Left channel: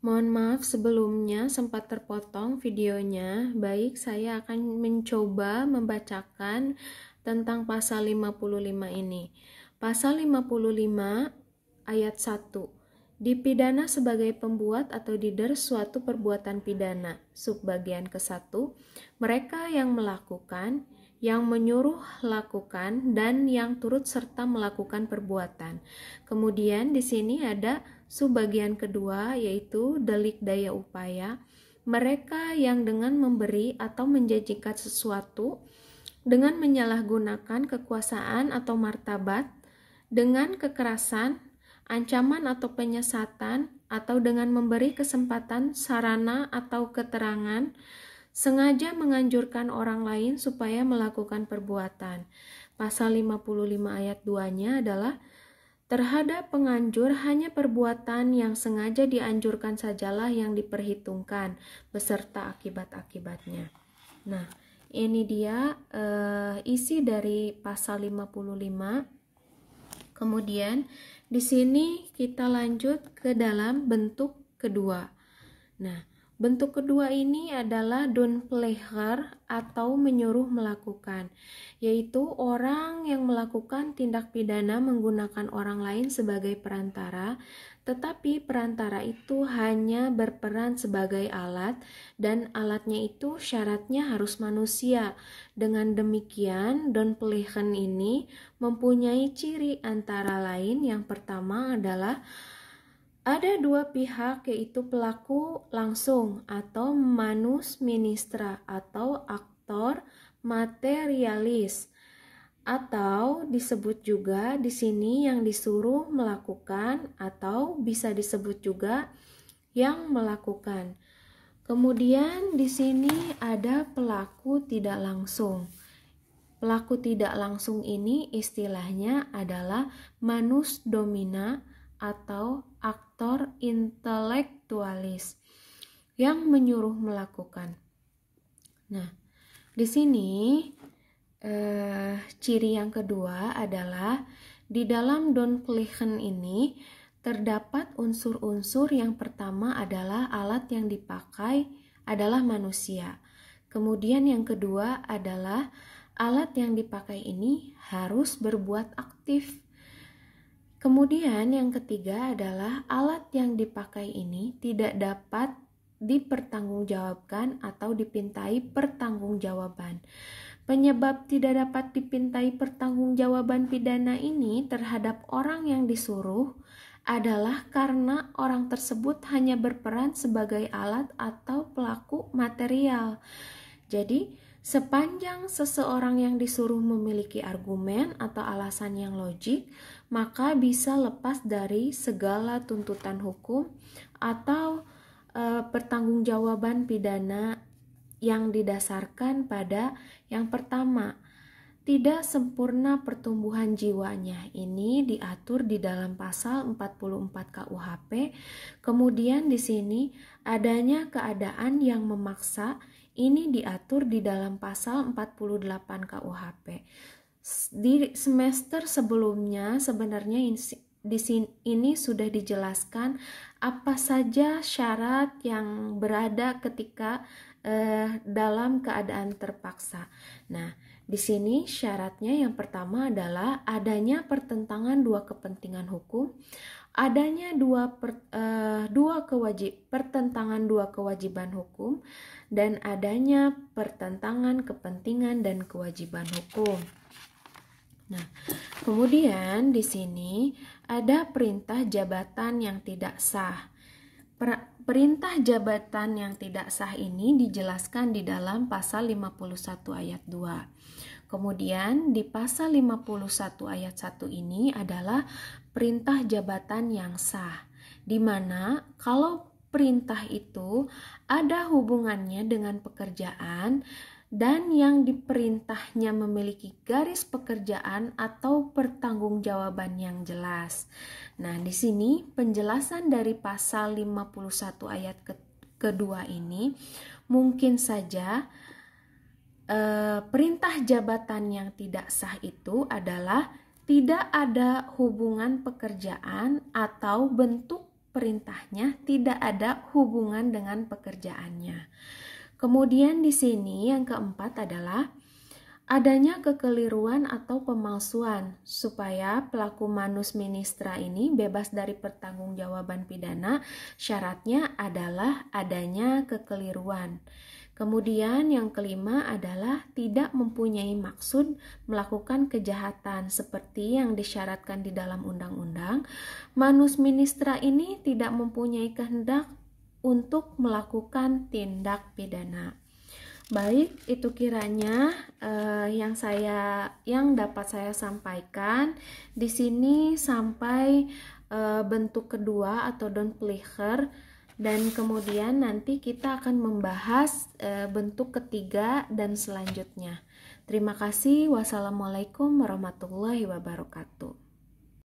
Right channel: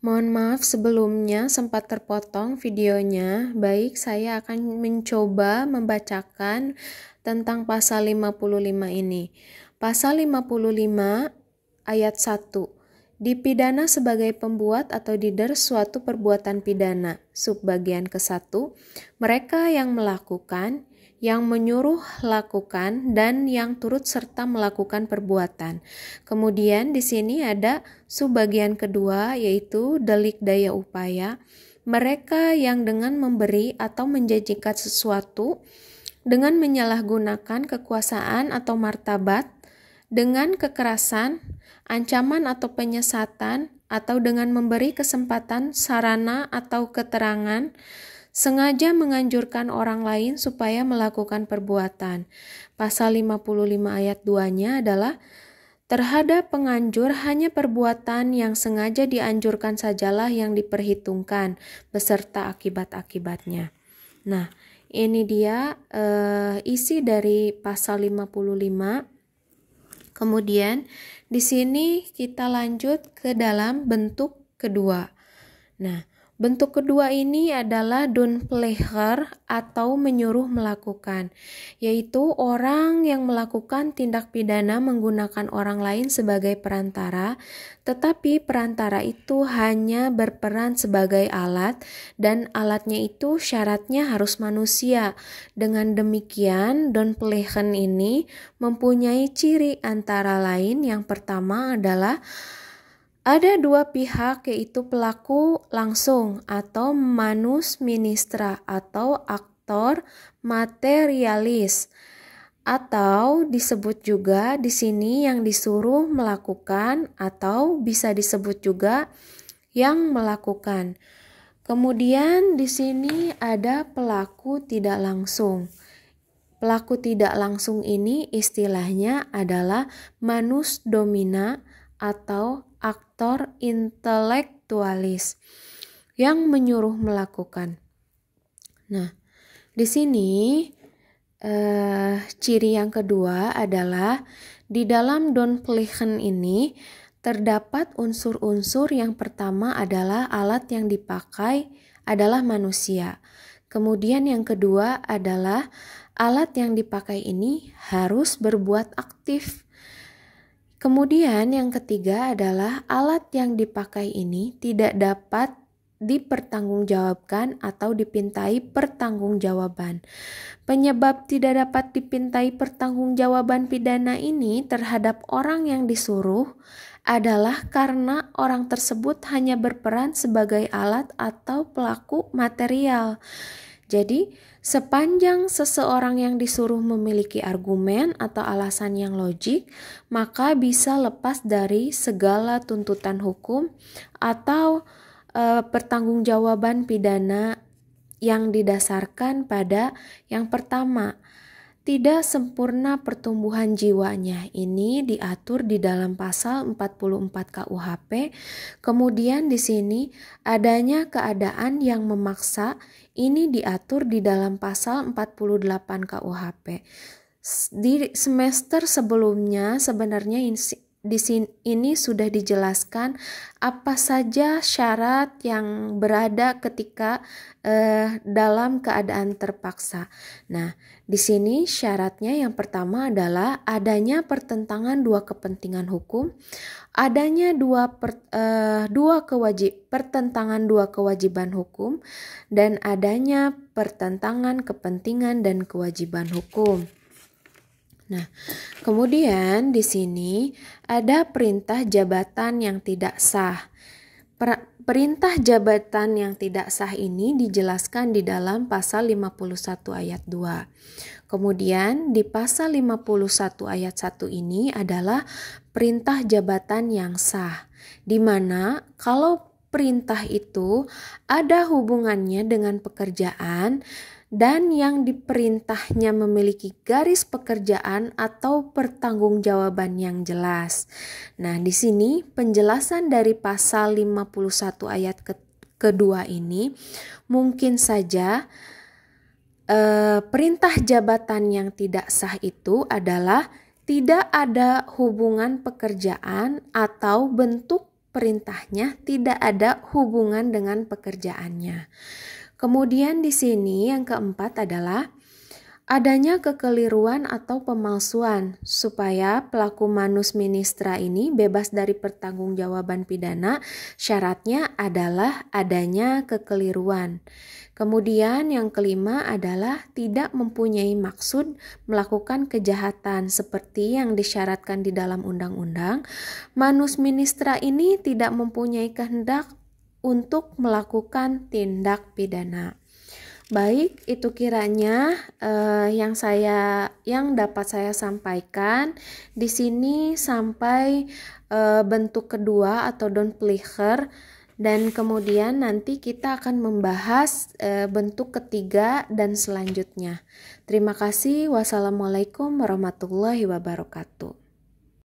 Mohon maaf sebelumnya sempat terpotong videonya. Baik, saya akan mencoba membacakan tentang pasal 55 ini. Pasal 55 ayat 1. Dipidana sebagai pembuat atau leader suatu perbuatan pidana. Subbagian ke-1. Mereka yang melakukan, yang menyuruh lakukan, dan yang turut serta melakukan perbuatan. Kemudian di sini ada subbagian kedua, yaitu delik daya upaya. Mereka yang dengan memberi atau menjanjikan sesuatu dengan menyalahgunakan kekuasaan atau martabat, dengan kekerasan, ancaman atau penyesatan, atau dengan memberi kesempatan, sarana, atau keterangan, sengaja menganjurkan orang lain supaya melakukan perbuatan. Pasal 55 ayat 2-nya adalah terhadap penganjur hanya perbuatan yang sengaja dianjurkan sajalah yang diperhitungkan beserta akibat-akibatnya. Nah, ini dia isi dari pasal 55. Kemudian di sini kita lanjut ke dalam bentuk kedua. Nah, bentuk kedua ini adalah doenpleger atau menyuruh melakukan, yaitu orang yang melakukan tindak pidana menggunakan orang lain sebagai perantara, tetapi perantara itu hanya berperan sebagai alat dan alatnya itu syaratnya harus manusia. Dengan demikian, doenplegen ini mempunyai ciri antara lain. Yang pertama adalah ada dua pihak, yaitu pelaku langsung atau manus ministra atau aktor materialis, atau disebut juga di sini yang disuruh melakukan, atau bisa disebut juga yang melakukan. Kemudian di sini ada pelaku tidak langsung. Pelaku tidak langsung ini istilahnya adalah manus domina atau aktor intelektualis yang menyuruh melakukan. Nah, di sini ciri yang kedua adalah di dalam doenplegen ini terdapat unsur-unsur. Yang pertama adalah alat yang dipakai adalah manusia. Kemudian yang kedua adalah alat yang dipakai ini harus berbuat aktif. Kemudian yang ketiga adalah alat yang dipakai ini tidak dapat dipertanggungjawabkan atau dipintai pertanggungjawaban. Penyebab tidak dapat dipintai pertanggungjawaban pidana ini terhadap orang yang disuruh adalah karena orang tersebut hanya berperan sebagai alat atau pelaku material. Jadi, sepanjang seseorang yang disuruh memiliki argumen atau alasan yang logik, maka bisa lepas dari segala tuntutan hukum atau pertanggungjawaban pidana yang didasarkan pada yang pertama, tidak sempurna pertumbuhan jiwanya. Ini diatur di dalam pasal 44 KUHP. Kemudian di sini adanya keadaan yang memaksa. Ini diatur di dalam pasal 48 KUHP. Di semester sebelumnya sebenarnya ini sudah dijelaskan apa saja syarat yang berada ketika dalam keadaan terpaksa. Nah, di sini syaratnya yang pertama adalah adanya pertentangan dua kepentingan hukum, adanya pertentangan dua kewajiban hukum, dan adanya pertentangan kepentingan dan kewajiban hukum. Nah, kemudian di sini ada perintah jabatan yang tidak sah. Perintah jabatan yang tidak sah ini dijelaskan di dalam pasal 51 ayat 2. Kemudian di pasal 51 ayat 1 ini adalah perintah jabatan yang sah, di mana kalau perintah itu ada hubungannya dengan pekerjaan dan yang diperintahnya memiliki garis pekerjaan atau pertanggungjawaban yang jelas. Nah, di sini penjelasan dari pasal 51 ayat kedua ini mungkin saja perintah jabatan yang tidak sah itu adalah tidak ada hubungan pekerjaan atau bentuk perintahnya tidak ada hubungan dengan pekerjaannya. Kemudian di sini yang keempat adalah adanya kekeliruan atau pemalsuan supaya pelaku manus ministra ini bebas dari pertanggungjawaban pidana. Syaratnya adalah adanya kekeliruan. Kemudian yang kelima adalah tidak mempunyai maksud melakukan kejahatan seperti yang disyaratkan di dalam undang-undang. Manus ministra ini tidak mempunyai kehendak untuk melakukan tindak pidana. Baik, itu kiranya yang dapat saya sampaikan di sini sampai bentuk kedua atau Downpleger, dan kemudian nanti kita akan membahas bentuk ketiga dan selanjutnya. Terima kasih. Wassalamualaikum warahmatullahi wabarakatuh.